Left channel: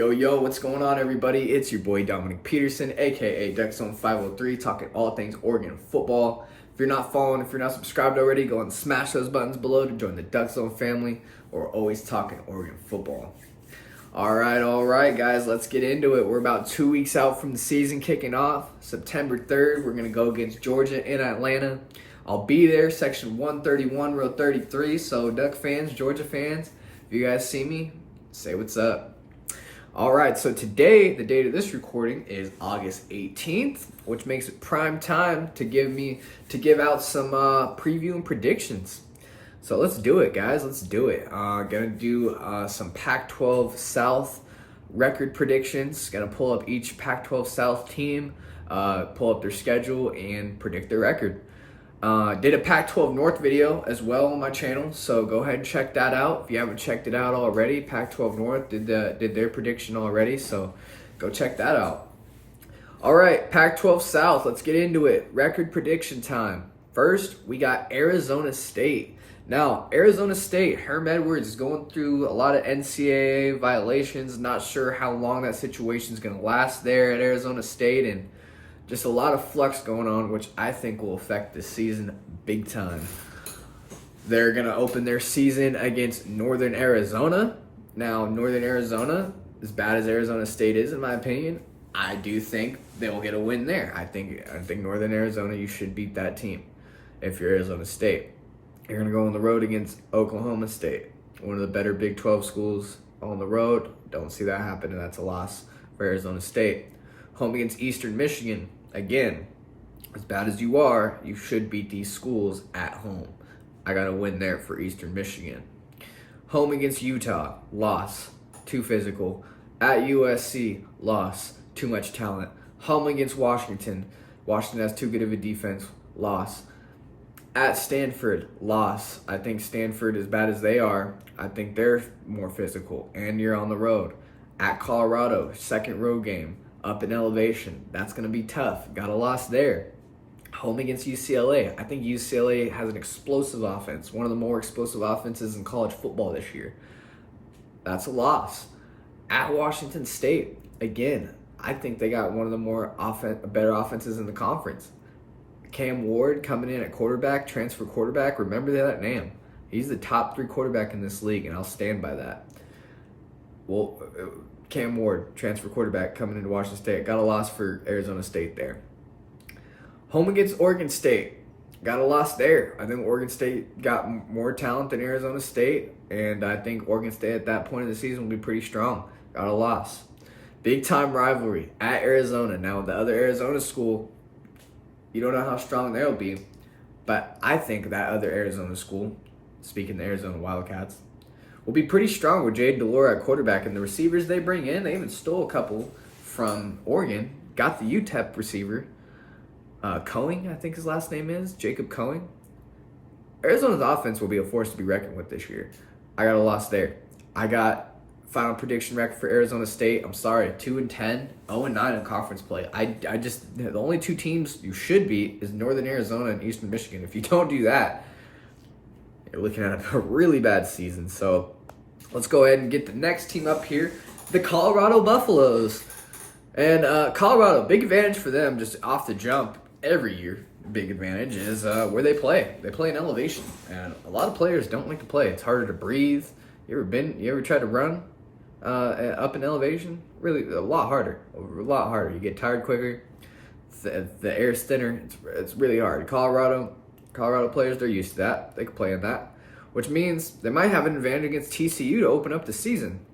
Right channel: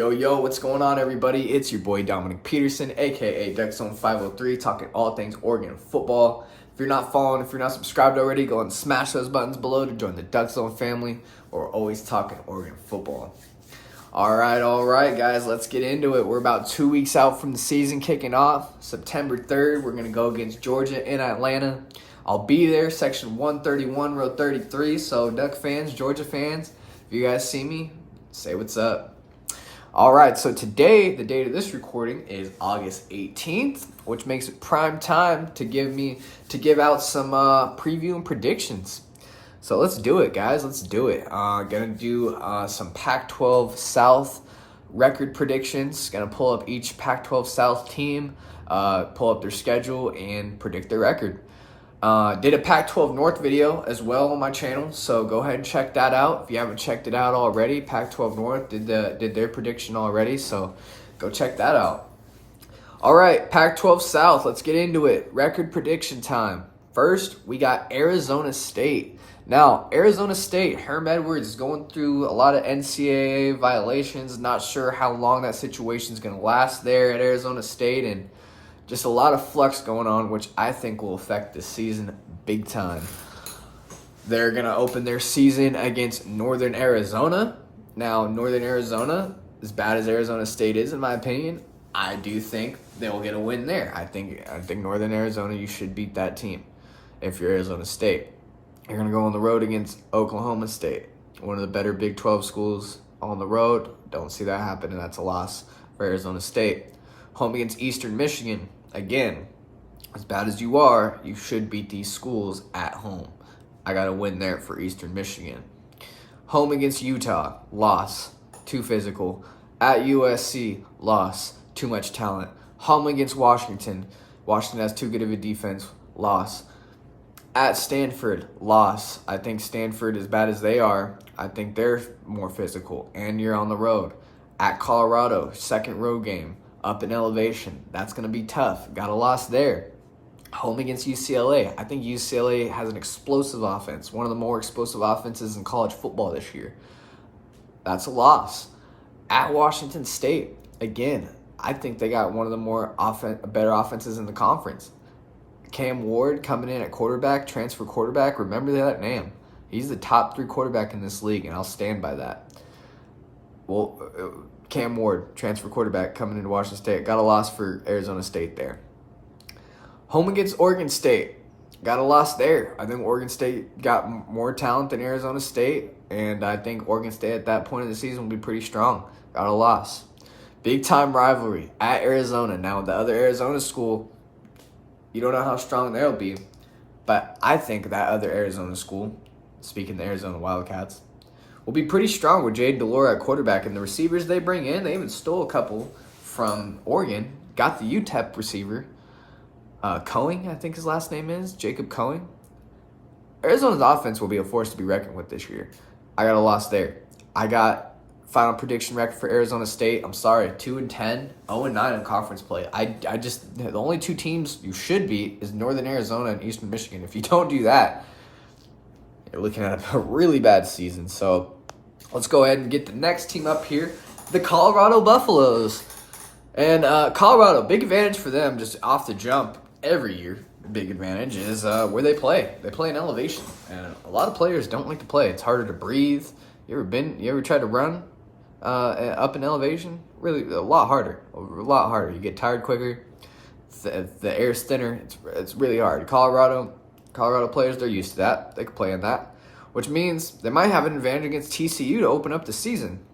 Yo, what's going on, everybody? It's your boy Dominic Peterson, aka Duckzone 503, talking all things Oregon football. If you're not following, if you're not subscribed already, go and smash those buttons below to join the Duckzone family. We're always talking Oregon football. All right, guys, let's get into it. We're about 2 weeks out from the season kicking off. September 3rd, we're going to go against Georgia in Atlanta. I'll be there, section 131, row 33. So, Duck fans, Georgia fans, if you guys see me, say what's up. All right, so today, the date of this recording is August 18th, which makes it prime time to give out some preview and predictions. So let's do it, guys. Let's do it. Gonna do some Pac-12 South record predictions. Gonna pull up each Pac-12 South team, pull up their schedule, and predict their record. Did a Pac-12 North video as well on my channel, so go ahead and check that out. If you haven't checked it out already, Pac-12 North did their prediction already, so go check that out. All right, Pac-12 South, let's get into it. Record prediction time. First, we got Arizona State. Now, Arizona State, Herm Edwards is going through a lot of NCAA violations. Not sure how long that situation is going to last there at Arizona State, and just a lot of flux going on, which I think will affect this season big time. They're going to open their season against Northern Arizona. Now, Northern Arizona, as bad as Arizona State is, in my opinion, I do think they will get a win there. I think Northern Arizona, you should beat that team if you're Arizona State. You're going to go on the road against Oklahoma State, one of the better Big 12 schools on the road. Don't see that happen, and that's a loss for Arizona State. Home against Eastern Michigan. Again, as bad as you are, you should beat these schools at home. I got a win there for Eastern Michigan. Home against Utah, loss, too physical. At USC, loss, too much talent. Home against Washington, Washington has too good of a defense, loss. At Stanford, loss. I think Stanford, as bad as they are, I think they're more physical, and you're on the road. At Colorado, second road game. Up in elevation. That's going to be tough. Got a loss there. Home against UCLA. I think UCLA has an explosive offense. One of the more explosive offenses in college football this year. That's a loss. At Washington State. Again, I think they got one of the better offenses in the conference. Cam Ward coming in at quarterback, transfer quarterback. Remember that name. He's the top 3 quarterback in this league, and I'll stand by that. Well, Cam Ward, transfer quarterback, coming into Washington State. Got a loss for Arizona State there. Home against Oregon State. Got a loss there. I think Oregon State got more talent than Arizona State, and I think Oregon State at that point of the season will be pretty strong. Got a loss. Big time rivalry at Arizona. Now, the other Arizona school, you don't know how strong they'll be, but I think that other Arizona school, speaking of the Arizona Wildcats, will be pretty strong with Jade Delore at quarterback, and the receivers they bring in, they even stole a couple from Oregon. Got the UTEP receiver, Cohen, I think his last name is, Jacob Cohen. Arizona's offense will be a force to be reckoned with this year. I got a loss there. I got final prediction record for Arizona State. I'm sorry, 2-10, 0-9 in conference play. The only 2 teams you should beat is Northern Arizona and Eastern Michigan. If you don't do that, you're looking at a really bad season. So let's go ahead and get the next team up here, the Colorado Buffaloes. And Colorado, big advantage for them just off the jump every year. Big advantage is where they play. They play in elevation, and a lot of players don't like to play. It's harder to breathe. You ever tried to run up in elevation? Really, a lot harder. You get tired quicker. The air's thinner. It's really hard. Colorado players, they're used to that. They can play in that, which means they might have an advantage against TCU to open up the season.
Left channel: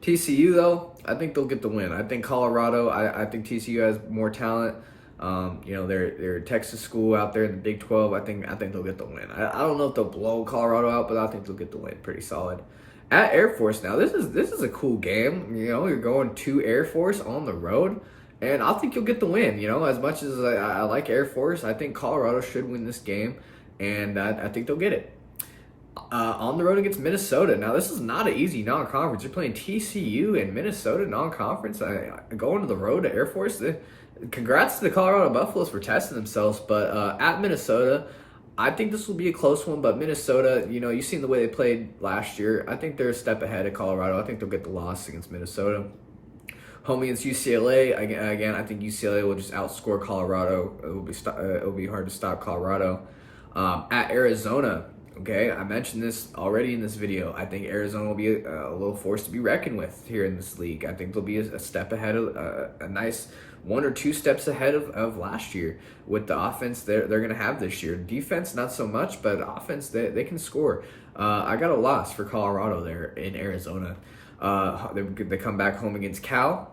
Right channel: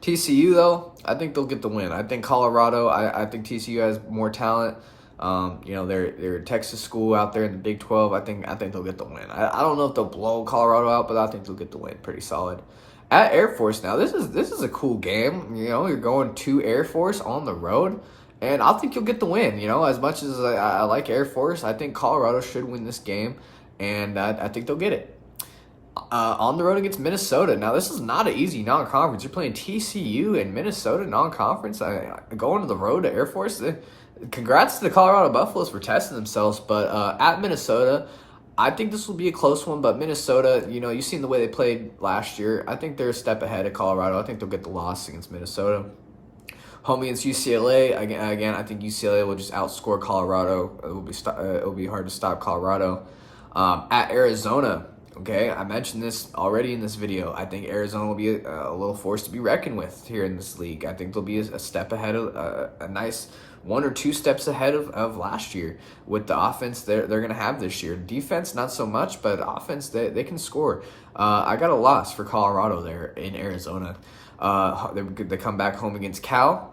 TCU, though, I think they'll get the win. I think Colorado, I think TCU has more talent. They're a Texas school out there in the Big 12. I think they'll get the win. I don't know if they'll blow Colorado out, but I think they'll get the win pretty solid. At Air Force now, this is a cool game. You're going to Air Force on the road. And I think you'll get the win. As much as I like Air Force, I think Colorado should win this game, and I think they'll get it. On the road against Minnesota. Now, this is not an easy non-conference. You're playing TCU and Minnesota non-conference. Going to the road to Air Force. Congrats to the Colorado Buffaloes for testing themselves, but at Minnesota, I think this will be a close one, but Minnesota, you've seen the way they played last year. I think they're a step ahead of Colorado. I think they'll get the loss against Minnesota. Home against UCLA, again, I think UCLA will just outscore Colorado. It will be hard to stop Colorado. At Arizona, okay, I mentioned this already in this video. I think Arizona will be a little force to be reckoned with here in this league. I think they'll be a step ahead of a nice 1 or 2 steps ahead of last year with the offense they're going to have this year. Defense, not so much, but offense, they can score. I got a loss for Colorado there in Arizona. They come back home against Cal.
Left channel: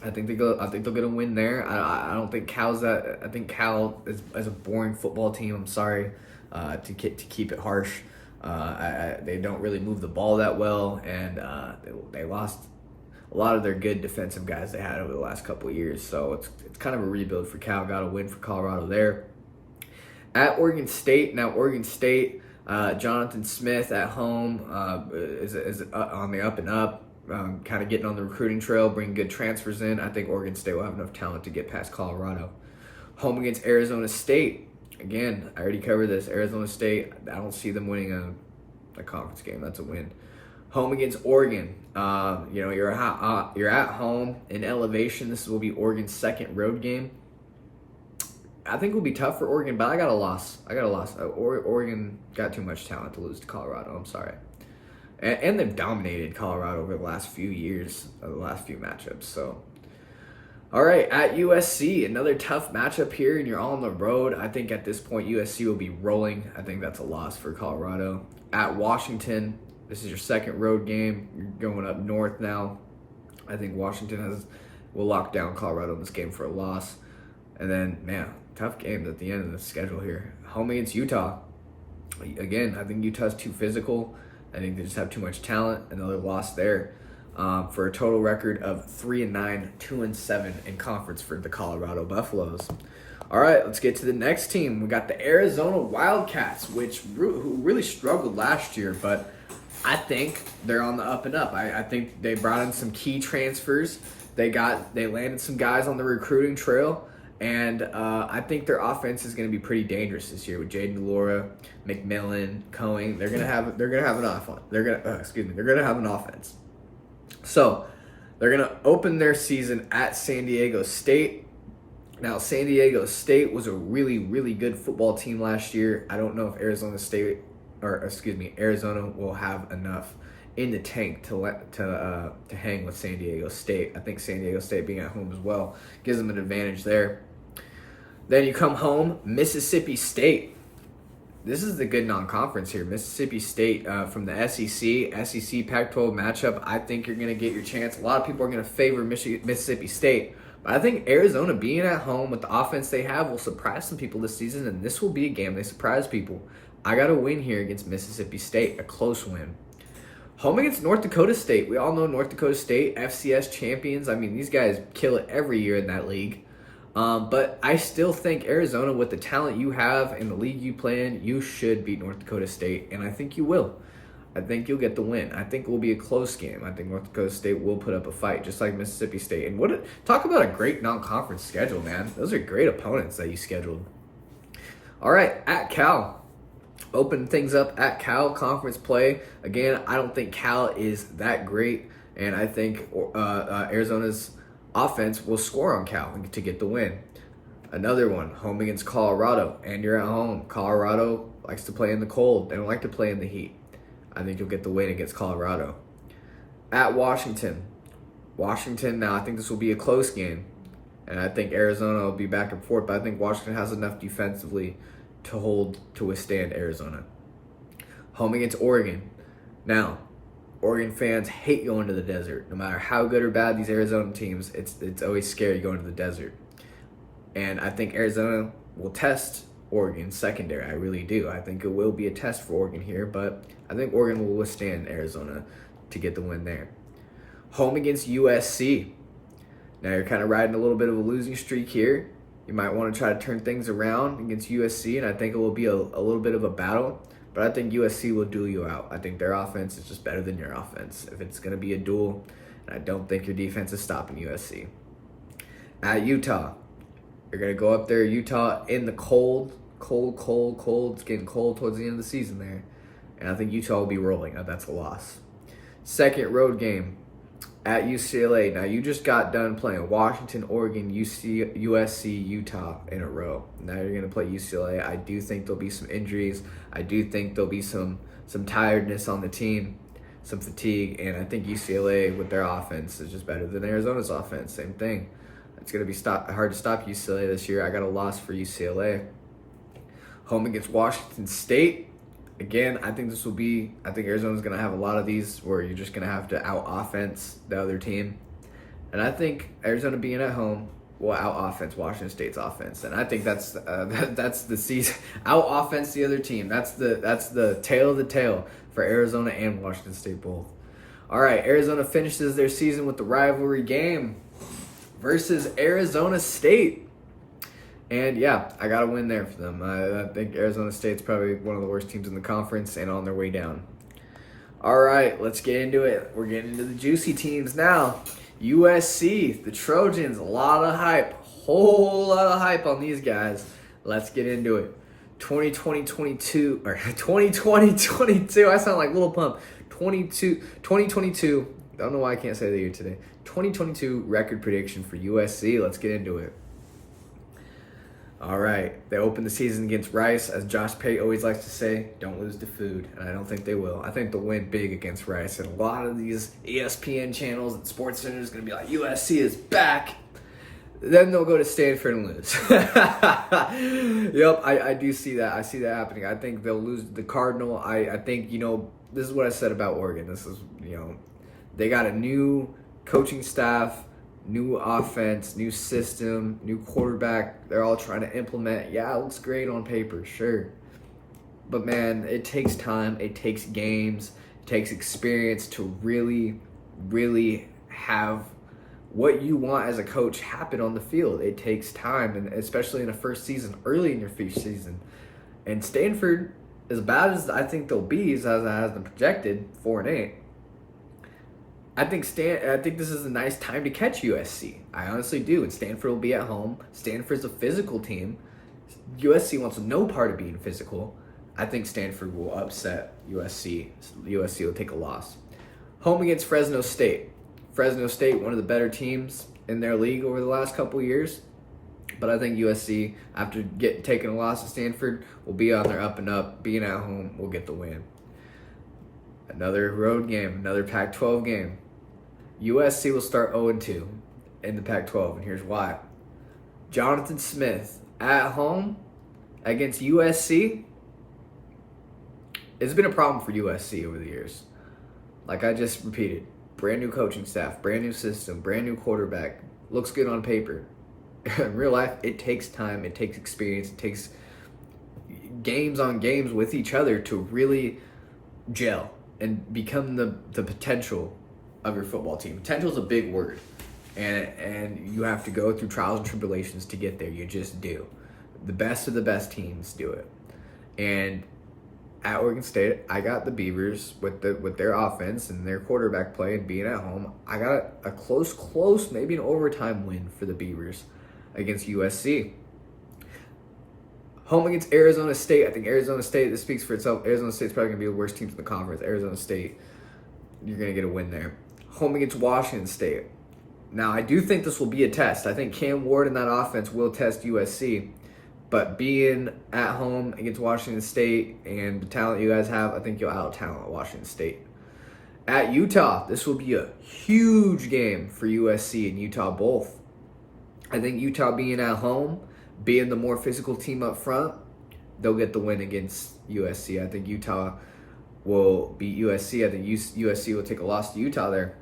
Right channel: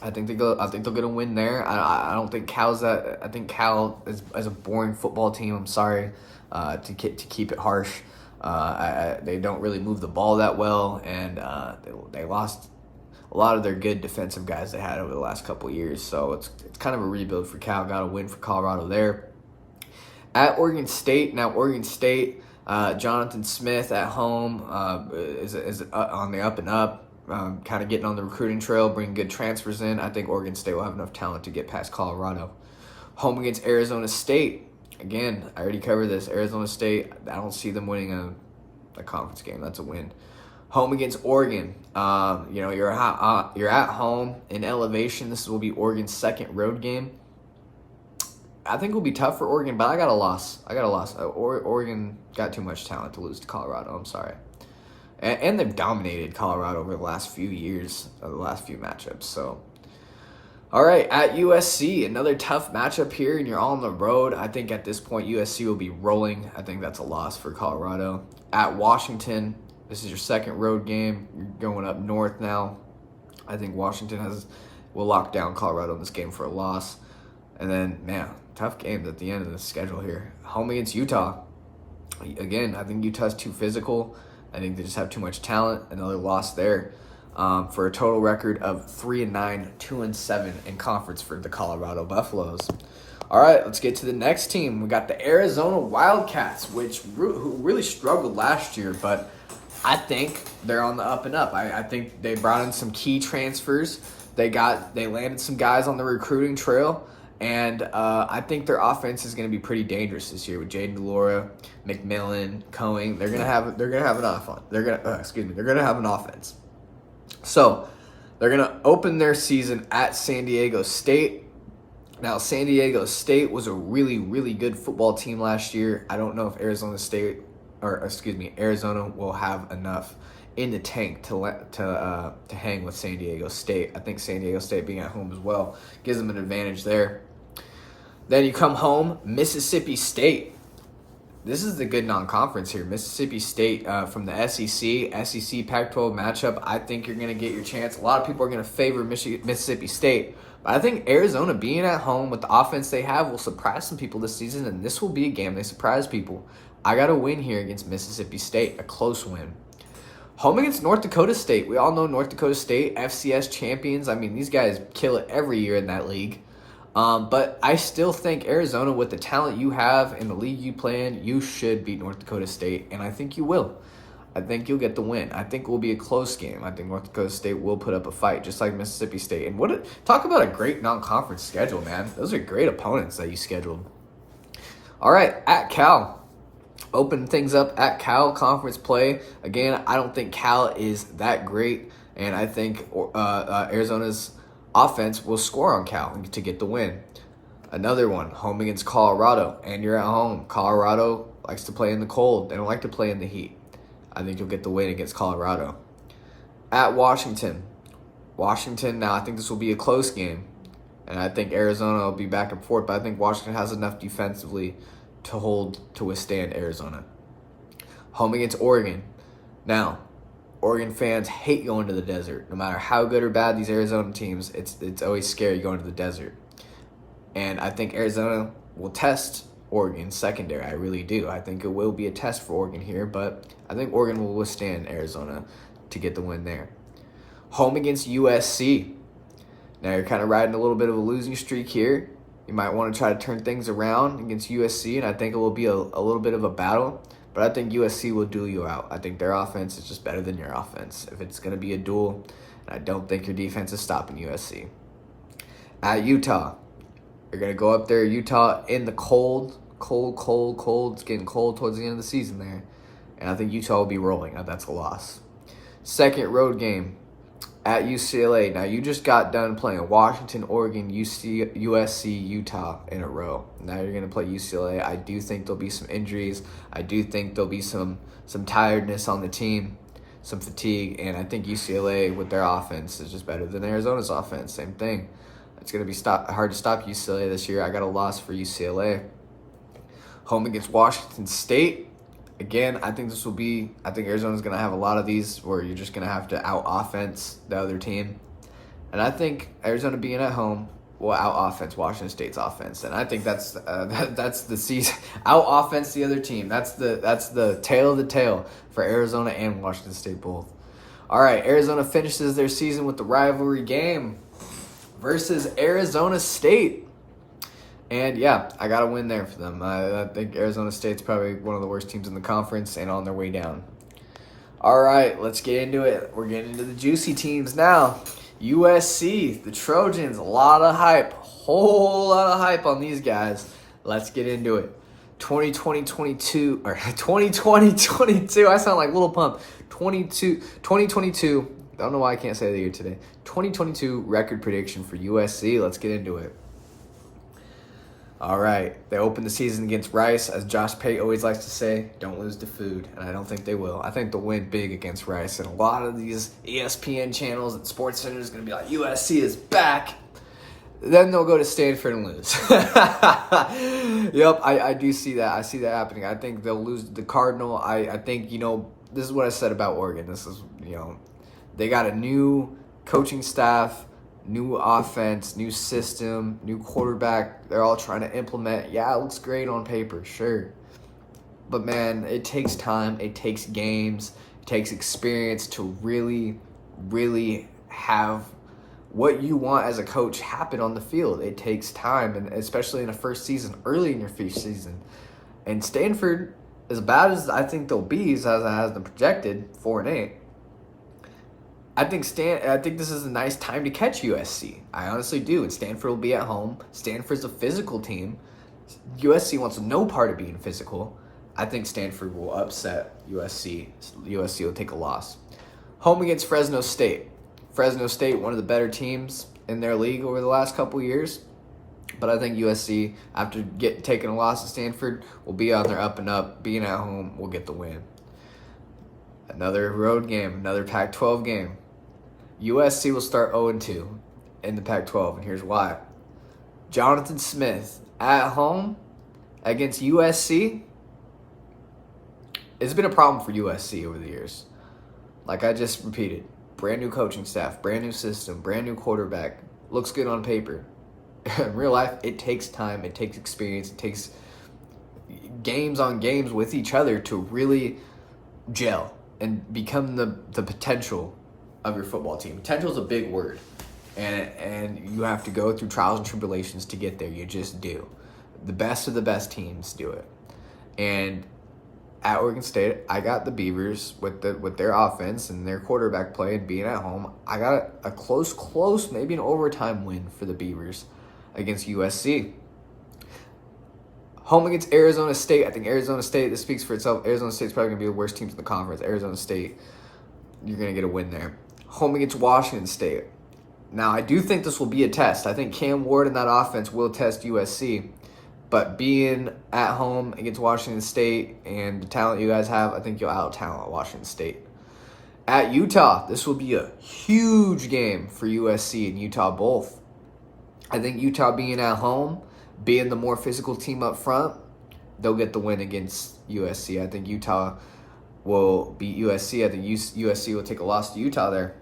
I think they'll get a win there. I don't think Cal's that. I think Cal is a boring football team. I'm sorry to keep it harsh. They don't really move the ball that well, and they lost a lot of their good defensive guys they had over the last couple of years. So it's kind of a rebuild for Cal. Got a win for Colorado there. At Oregon State, now Oregon State, Jonathan Smith at home is on the up and up. Kind of getting on the recruiting trail, bringing good transfers in. I think Oregon State will have enough talent to get past Colorado. Home against Arizona State. Again, I already covered this. Arizona State, I don't see them winning a conference game. That's a win. Home against Oregon. You're at home in elevation. This will be Oregon's second road game. I think it will be tough for Oregon, but I got a loss. Oregon got too much talent to lose to Colorado. I'm sorry. And they've dominated Colorado over the last few years, the last few matchups. So, all right, at USC, another tough matchup here, and you're all on the road. I think at this point, USC will be rolling. I think that's a loss for Colorado. At Washington, this is your second road game. You're going up north now. I think Washington will lock down Colorado in this game for a loss. And then, man, tough games at the end of the schedule here. Home against Utah. Again, I think Utah's too physical. I think they just have too much talent. Another loss there for a total record of 3-9, 2-7 in conference for the Colorado Buffaloes. All right, let's get to the next team. We got the Arizona Wildcats, who really struggled last year, but I think they're on the up and up. I think they brought in some key transfers. They landed some guys on the recruiting trail. And I think their offense is going to be pretty dangerous this year with Jaden Delora, McMillan, Cohen. They're going to have an offense. They're going to have an offense. So they're going to open their season at San Diego State. Now, San Diego State was a really, really good football team last year. I don't know if Arizona will have enough in the tank to hang with San Diego State. I think San Diego State being at home as well gives them an advantage there. Then you come home, Mississippi State. This is the good non-conference here. Mississippi State from the SEC Pac-12 matchup. I think you're going to get your chance. A lot of people are going to favor Mississippi State. But I think Arizona being at home with the offense they have will surprise some people this season, and this will be a game they surprise people. I got a win here against Mississippi State, a close win. Home against North Dakota State. We all know North Dakota State, FCS champions. I mean, these guys kill it every year in that league. But I still think Arizona, with the talent you have in the league you play in, you should beat North Dakota State, and I think you will. I think you'll get the win. I think it will be a close game. I think North Dakota State will put up a fight, just like Mississippi State. And talk about a great non-conference schedule, man. Those are great opponents that you scheduled. All right, at Cal. Open things up at Cal conference play. Again, I don't think Cal is that great, and I think Arizona's offense will score on Cal to get the win. Another one, home against Colorado, and you're at home. Colorado likes to play in the cold. They don't like to play in the heat. I think you'll get the win against Colorado. At Washington. Now I think this will be a close game, and I think Arizona will be back and forth, but I think Washington has enough defensively to withstand Arizona. Home against Oregon. Now, Oregon fans hate going to the desert. No matter how good or bad these Arizona teams, it's always scary going to the desert. And I think Arizona will test Oregon's secondary. I really do. I think it will be a test for Oregon here, but I think Oregon will withstand Arizona to get the win there. Home against USC. Now you're kind of riding a little bit of a losing streak here. You might want to try to turn things around against USC, and I think it will be a little bit of a battle. But I think USC will duel you out. I think their offense is just better than your offense. If it's going to be a duel, I don't think your defense is stopping USC. At Utah, you're going to go up there, Utah, in the cold Cold. It's getting cold towards the end of the season there. And I think Utah will be rolling. Now, that's a loss. Second road game at UCLA. Now, you just got done playing Washington, Oregon, USC, Utah in a row. Now you're going to play UCLA. I do think there'll be some injuries. I do think there'll be some tiredness on the team, some fatigue. And I think UCLA, with their offense, is just better than Arizona's offense. Same thing. It's going to be hard to stop UCLA this year. I got a loss for UCLA. Home against Washington State. Again, I think Arizona's going to have a lot of these where you're just going to have to out-offense the other team. And I think Arizona being at home will out-offense Washington State's offense. And I think that's the season. Out-offense the other team. That's the tail of the tail for Arizona and Washington State both. All right, Arizona finishes their season with the rivalry game versus Arizona State. And yeah, I got a win there for them. I think Arizona State's probably one of the worst teams in the conference and on their way down. All right, let's get into it. We're getting into the juicy teams now. USC, the Trojans, a lot of hype. Whole lot of hype on these guys. Let's get into it. 2022, I sound like Little Pump. 2022, I don't know why I can't say the year today. 2022 record prediction for USC. Let's get into it. All right, they opened the season against Rice. As Josh Pate always likes to say, don't lose to food, and I don't think they will. I think they'll win big against Rice, and a lot of these ESPN channels and Sports Center is going to be like, USC is back. Then they'll go to Stanford and lose. Yep, I do see that. I see that happening. I think they'll lose the Cardinal. I think, this is what I said about Oregon. This is, they got a new coaching staff, new offense, new system, new quarterback. They're all trying to implement. Yeah, it looks great on paper, sure. But, man, it takes time. It takes games. It takes experience to really, really have what you want as a coach happen on the field. It takes time, and especially in a first season, early in your first season. And Stanford, as bad as I think they'll be, as I has them projected, 4-8, I think this is a nice time to catch USC. I honestly do. And Stanford will be at home. Stanford's a physical team. USC wants no part of being physical. I think Stanford will upset USC. USC will take a loss. Home against Fresno State. Fresno State, one of the better teams in their league over the last couple years. But I think USC, after taking a loss to Stanford, will be on their up and up. Being at home, will get the win. Another road game, another Pac-12 game. USC will start 0-2 in the Pac-12, and here's why. Jonathan Smith at home against USC. It's been a problem for USC over the years. Like I just repeated, brand new coaching staff, brand new system, brand new quarterback. Looks good on paper. In real life, it takes time, it takes experience, it takes games on games with each other to really gel and become the potential of your football team. Potential is a big word, and you have to go through trials and tribulations to get there. You just do. The best of the best teams do it. And at Oregon State, I got the Beavers with their offense and their quarterback play and being at home. I got a close, maybe an overtime win for the Beavers against USC. Home against Arizona State. I think Arizona State, this speaks for itself. Arizona State's probably going to be the worst teams in the conference. Arizona State, you're going to get a win there. Home against Washington State. Now, I do think this will be a test. I think Cam Ward and that offense will test USC. But being at home against Washington State and the talent you guys have, I think you'll out-talent Washington State. At Utah, this will be a huge game for USC and Utah both. I think Utah being at home, being the more physical team up front, they'll get the win against USC. I think Utah will beat USC. I think USC will take a loss to Utah there.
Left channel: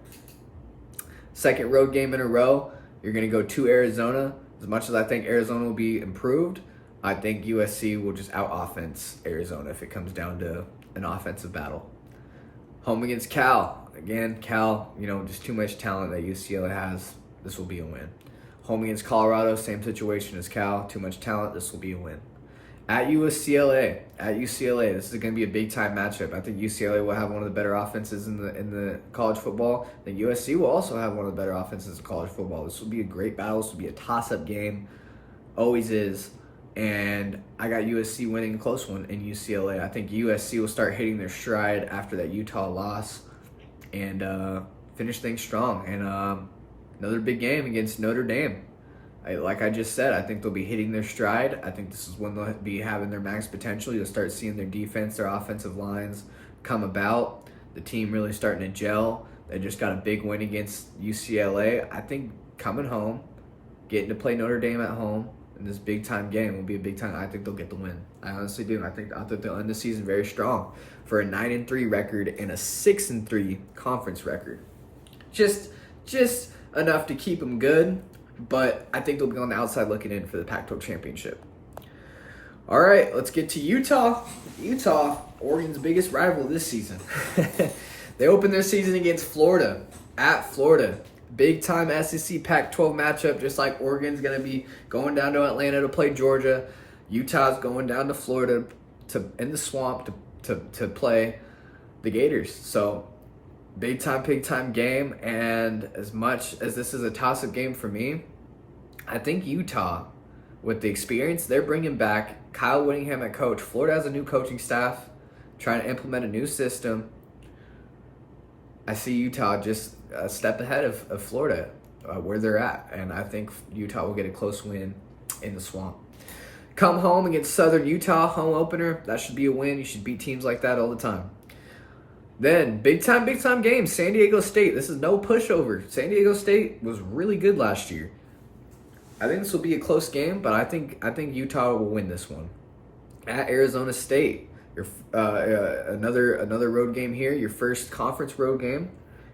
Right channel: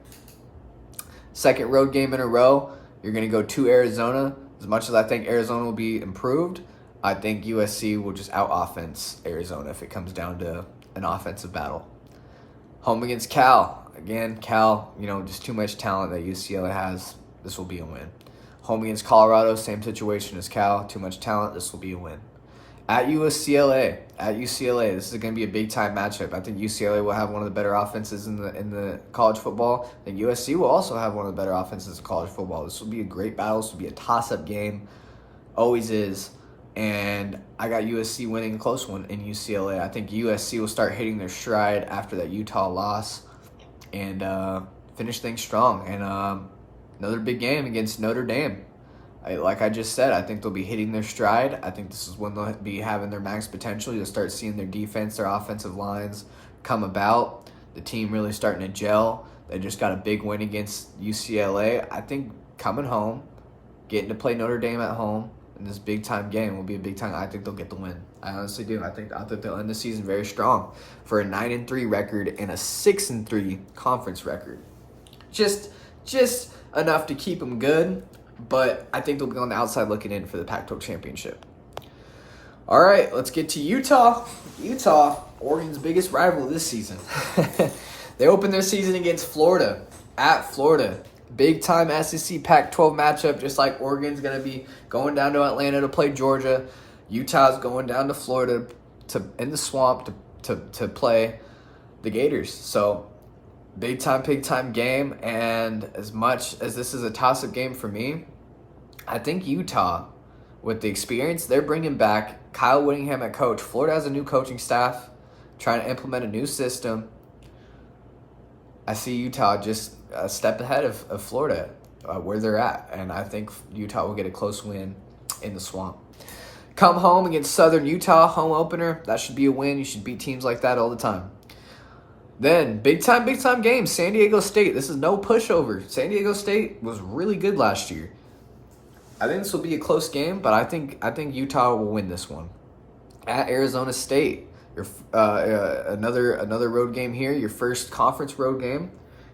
Second road game in a row. You're going to go to Arizona. As much as I think Arizona will be improved, I think USC will just out-offense Arizona if it comes down to an offensive battle. Home against Cal. Again, Cal, just too much talent that UCLA has. This will be a win. Home against Colorado, same situation as Cal. Too much talent. This will be a win. At UCLA, this is going to be a big-time matchup. I think UCLA will have one of the better offenses in the college football. I think USC will also have one of the better offenses in college football. This will be a great battle. This will be a toss-up game. Always is. And I got USC winning a close one in UCLA. I think USC will start hitting their stride after that Utah loss and finish things strong. And another big game against Notre Dame. Like I just said, I think they'll be hitting their stride. I think this is when they'll be having their max potential. You'll start seeing their defense, their offensive lines come about. The team really starting to gel. They just got a big win against UCLA. I think coming home, getting to play Notre Dame at home in this big-time game will be a big time. I think they'll get the win. I honestly do. I think they'll end the season very strong for a 9-3 record and a 6-3 conference record. Just enough to keep them good. But I think they'll be on the outside looking in for the Pac-12 championship. All right, let's get to Utah. Utah, Oregon's biggest rival this season. They opened their season against Florida, at Florida. Big-time SEC Pac-12 matchup, just like Oregon's going to be going down to Atlanta to play Georgia. Utah's going down to Florida in the swamp to play the Gators. So big time game, and as much as this is a toss-up game for me, I think Utah, with the experience they're bringing back, Kyle Whittingham at coach, Florida has a new coaching staff, trying to implement a new system. I see Utah just a step ahead of Florida, where they're at, and I think Utah will get a close win in the swamp. Come home against Southern Utah, home opener. That should be a win. You should beat teams like that all the time. Then, big time game, San Diego State. This is no pushover. San Diego State was really good last year. I think this will be a close game, but I think Utah will win this one. At Arizona State, another road game here. Your first conference road game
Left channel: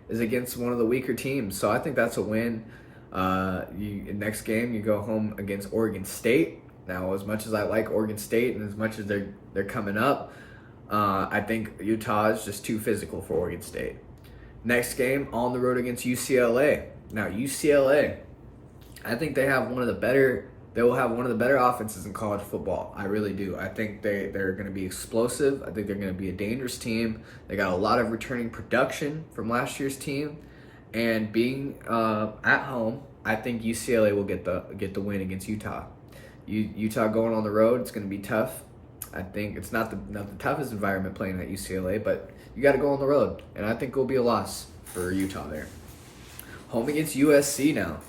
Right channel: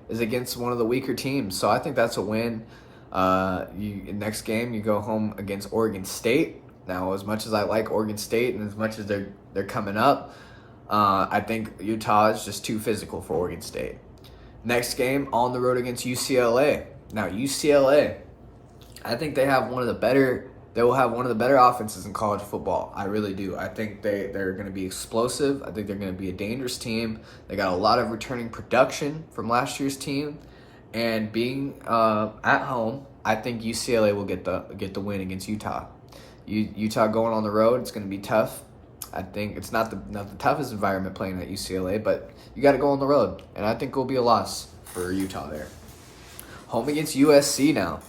is against one of the weaker teams, so I think that's a win. Next game, you go home against Oregon State. Now, as much as I like Oregon State and as much as they're coming up, I think Utah is just too physical for Oregon State. Next game, on the road against UCLA. Now, UCLA, I think they will have one of the better offenses in college football. I really do. I think they're going to be explosive. I think they're going to be a dangerous team. They got a lot of returning production from last year's team. And being at home, I think UCLA will get the win against Utah. Utah going on the road, it's going to be tough. I think it's not the toughest environment playing at UCLA, but you got to go on the road, and I think it will be a loss for Utah there. Home against USC now.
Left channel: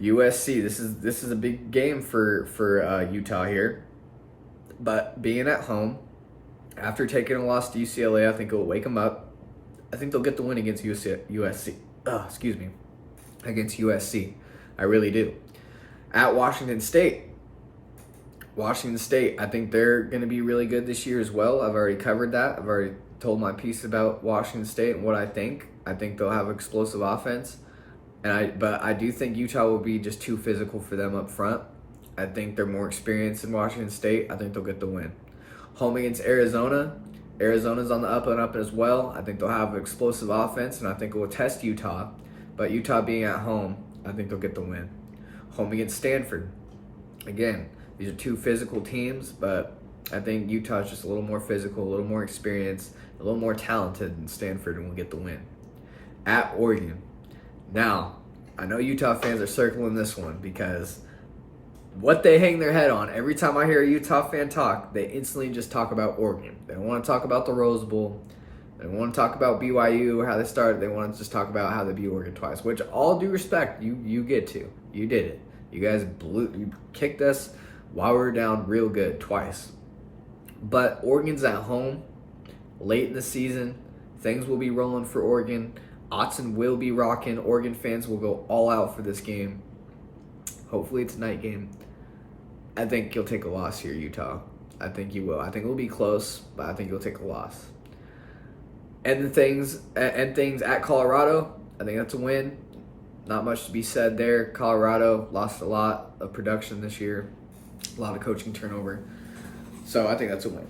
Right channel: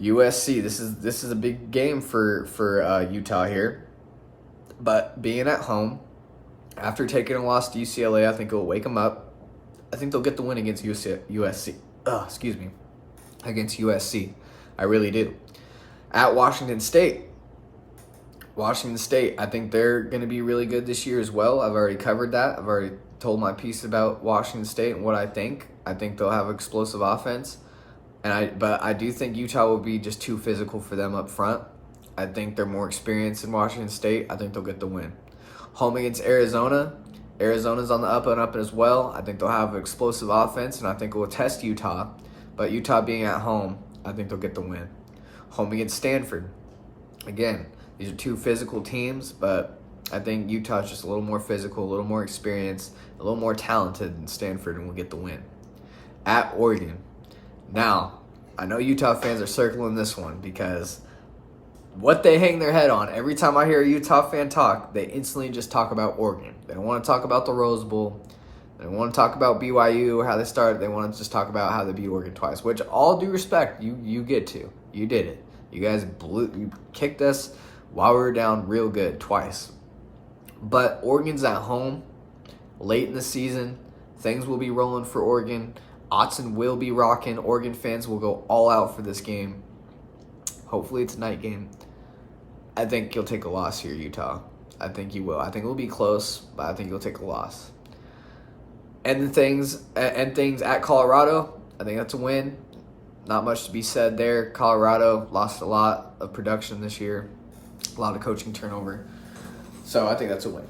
USC, this is a big game for Utah here, but being at home after taking a loss to UCLA, I think it will wake them up. I think they'll get the win against USC. Against USC, I really do. At Washington State, I think they're going to be really good this year as well. I've already covered that. I've already told my piece about Washington State and what I think. I think they'll have explosive offense, but I do think Utah will be just too physical for them up front. I think they're more experienced in Washington State. I think they'll get the win. Home against Arizona. Arizona's on the up and up as well. I think they'll have explosive offense, and I think it will test Utah. But Utah being at home, I think they'll get the win. Home against Stanford. Again, these are two physical teams, but I think Utah's just a little more physical, a little more experienced, a little more talented than Stanford, and will get the win. At Oregon. Now, I know Utah fans are circling this one because what they hang their head on, every time I hear a Utah fan talk, they instantly just talk about Oregon. They don't want to talk about the Rose Bowl. They don't want to talk about BYU, how they started. They want to just talk about how they beat Oregon twice, which all due respect, you get to. You did it. You guys you kicked us while we were down real good twice. But Oregon's at home late in the season. Things will be rolling for Oregon. Autzen will be rocking. Oregon fans will go all out for this game. Hopefully it's a night game. I think you'll take a loss here, Utah. I think you will. I think it will be close, but I think you'll take a loss. And things at Colorado, I think that's a win. Not much to be said there. Colorado lost a lot of production this year. A lot of coaching turnover. So I think that's a win.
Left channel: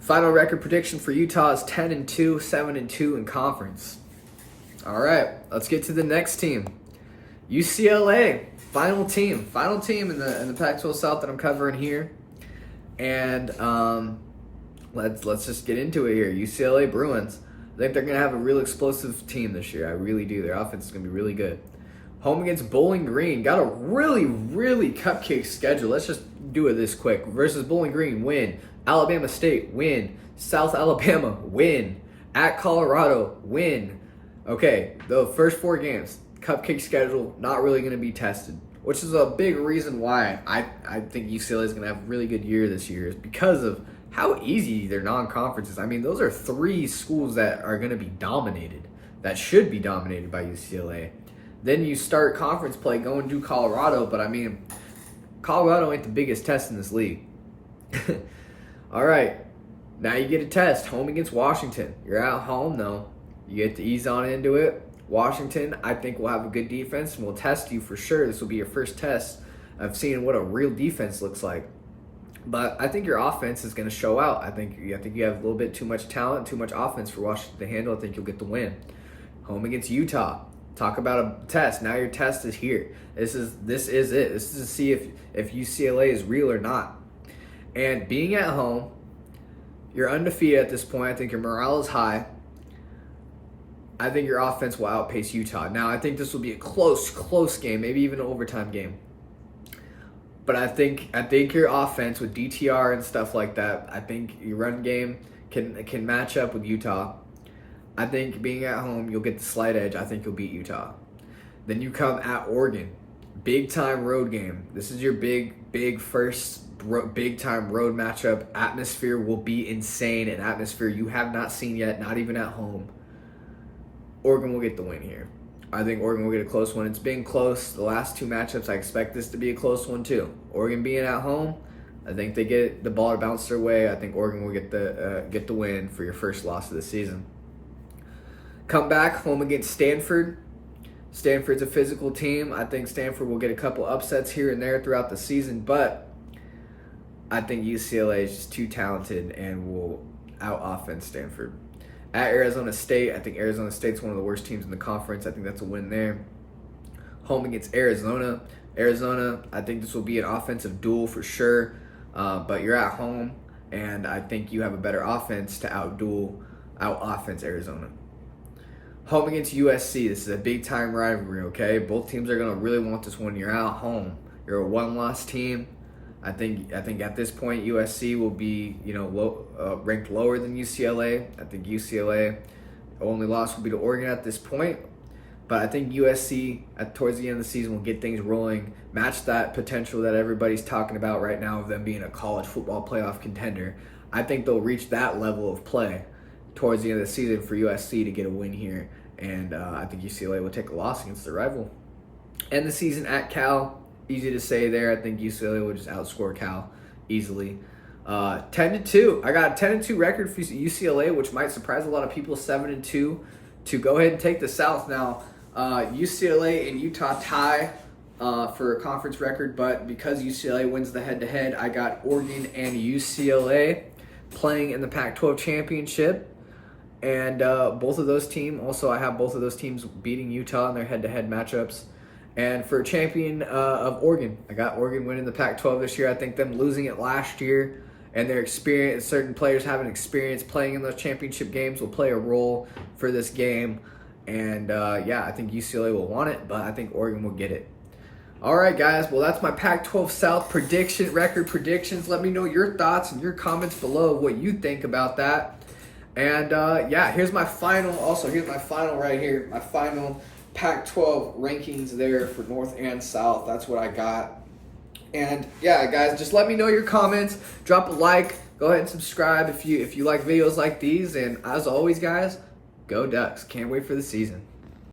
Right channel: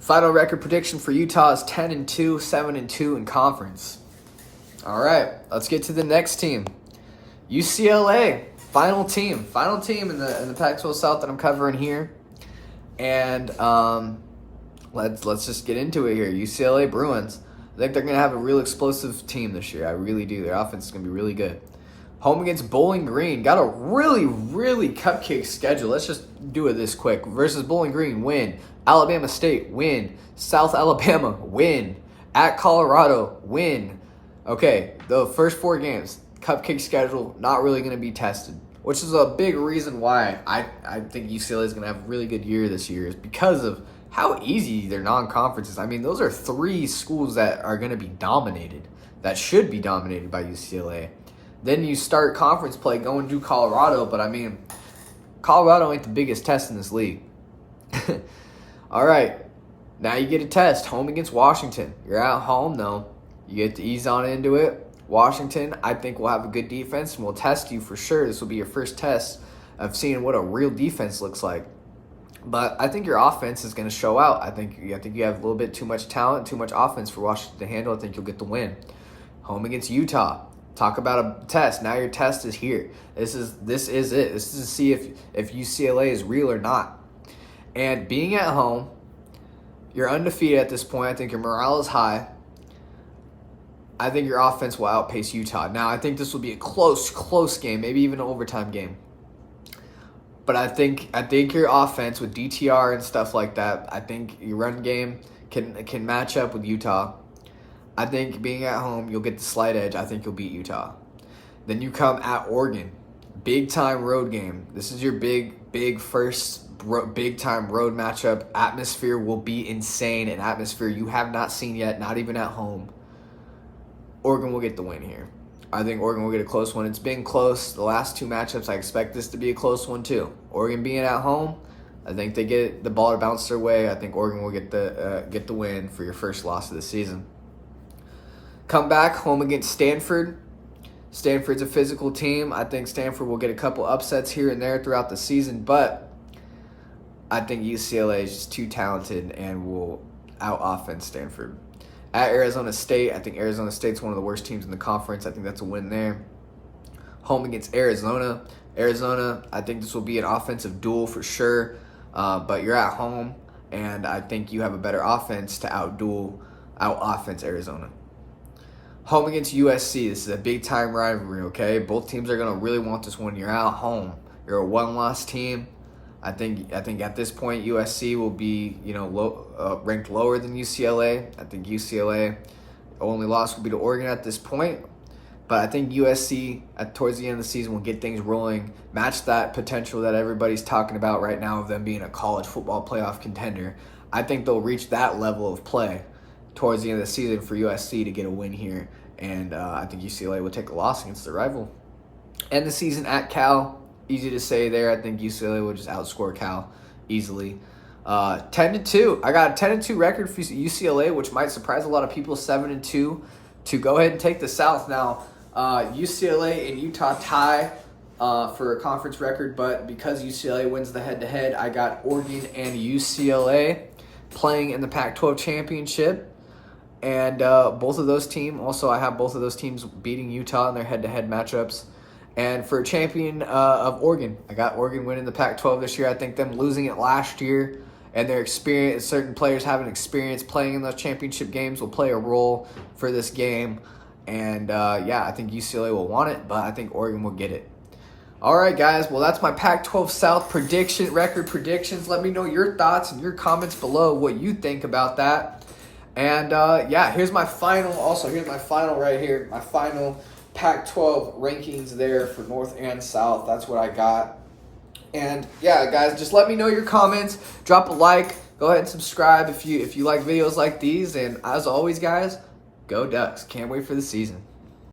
Final record prediction for Utah is 10-2, 7-2 in conference. All right, let's get to the next team. UCLA, final team in the Pac-12 South that I'm covering here. And let's just get into it here. UCLA Bruins. I think they're going to have a real explosive team this year. I really do. Their offense is going to be really good. Home against Bowling Green. Got a really, really cupcake schedule. Let's just do it this quick. Versus Bowling Green, win. Alabama State, win. South Alabama, win. At Colorado, win. Okay, the first 4 games, cupcake schedule, not really going to be tested, which is a big reason why I think UCLA is going to have a really good year this year, is because of how easy their non-conference is. I mean, those are 3 schools that are going to be dominated, that should be dominated by UCLA. Then you start conference play going to Colorado, but I mean, Colorado ain't the biggest test in this league. All right, now you get a test, home against Washington. You're at home, though. You get to ease on into it. Washington, I think, will have a good defense and will test you for sure. This will be your first test of seeing what a real defense looks like. But I think your offense is going to show out. I think you have a little bit too much talent, too much offense for Washington to handle. I think you'll get the win. Home against Utah. Talk about a test. Now your test is here. This is it. This is to see if UCLA is real or not. And being at home, you're undefeated at this point. I think your morale is high. I think your offense will outpace Utah. Now, I think this will be a close game, maybe even an overtime game. But I think your offense with DTR and stuff like that, I think your run game can match up with Utah. I think being at home, you'll get the slight edge. I think you'll beat Utah. Then you come at Oregon. Big-time road game. This is your big first big-time road matchup. Atmosphere will be insane. An atmosphere you have not seen yet, not even at home. Oregon will get the win here. I think Oregon will get a close one. It's been close the last 2 matchups. I expect this to be a close one too. Oregon being at home, I think they get the ball to bounce their way. I think Oregon will get the win for your first loss of the season. Come back home against Stanford. Stanford's a physical team. I think Stanford will get a couple upsets here and there throughout the season, but I think UCLA is just too talented and will out-offense Stanford. At Arizona State, I think Arizona State's one of the worst teams in the conference. I think that's a win there. Home against Arizona. Arizona, I think this will be an offensive duel for sure, but you're at home, and I think you have a better offense to out-offense Arizona. Home against USC. This is a big-time rivalry, okay? Both teams are going to really want this one. You're at home. You're a one-loss team. I think at this point USC will be ranked lower than UCLA. I think UCLA only loss will be to Oregon at this point, but I think USC towards the end of the season will get things rolling, match that potential that everybody's talking about right now of them being a college football playoff contender. I think they'll reach that level of play towards the end of the season for USC to get a win here, and I think UCLA will take a loss against the rival. End the season at Cal. Easy to say there. I think UCLA will just outscore Cal easily. 10-2. I got a 10-2 record for UCLA, which might surprise a lot of people. 7-2 to go ahead and take the South. Now, UCLA and Utah tie for a conference record, but because UCLA wins the head-to-head, I got Oregon and UCLA playing in the Pac-12 championship. And both of those teams, also I have both of those teams beating Utah in their head-to-head matchups. And for champion of Oregon, I got Oregon winning the Pac-12 this year. I think them losing it last year and their experience, certain players having experience playing in those championship games will play a role for this game. And I think UCLA will want it, but I think Oregon will get it. All right, guys. Well, that's my Pac-12 South record predictions. Let me know your thoughts and your comments below what you think about that. And here's my final. Also, here's my final right here. My final Pac-12 rankings there for North and South. That's what I got. And guys, just let me know your comments. Drop a like. Go ahead and subscribe if you like videos like these. And as always, guys, go Ducks. Can't wait for the season.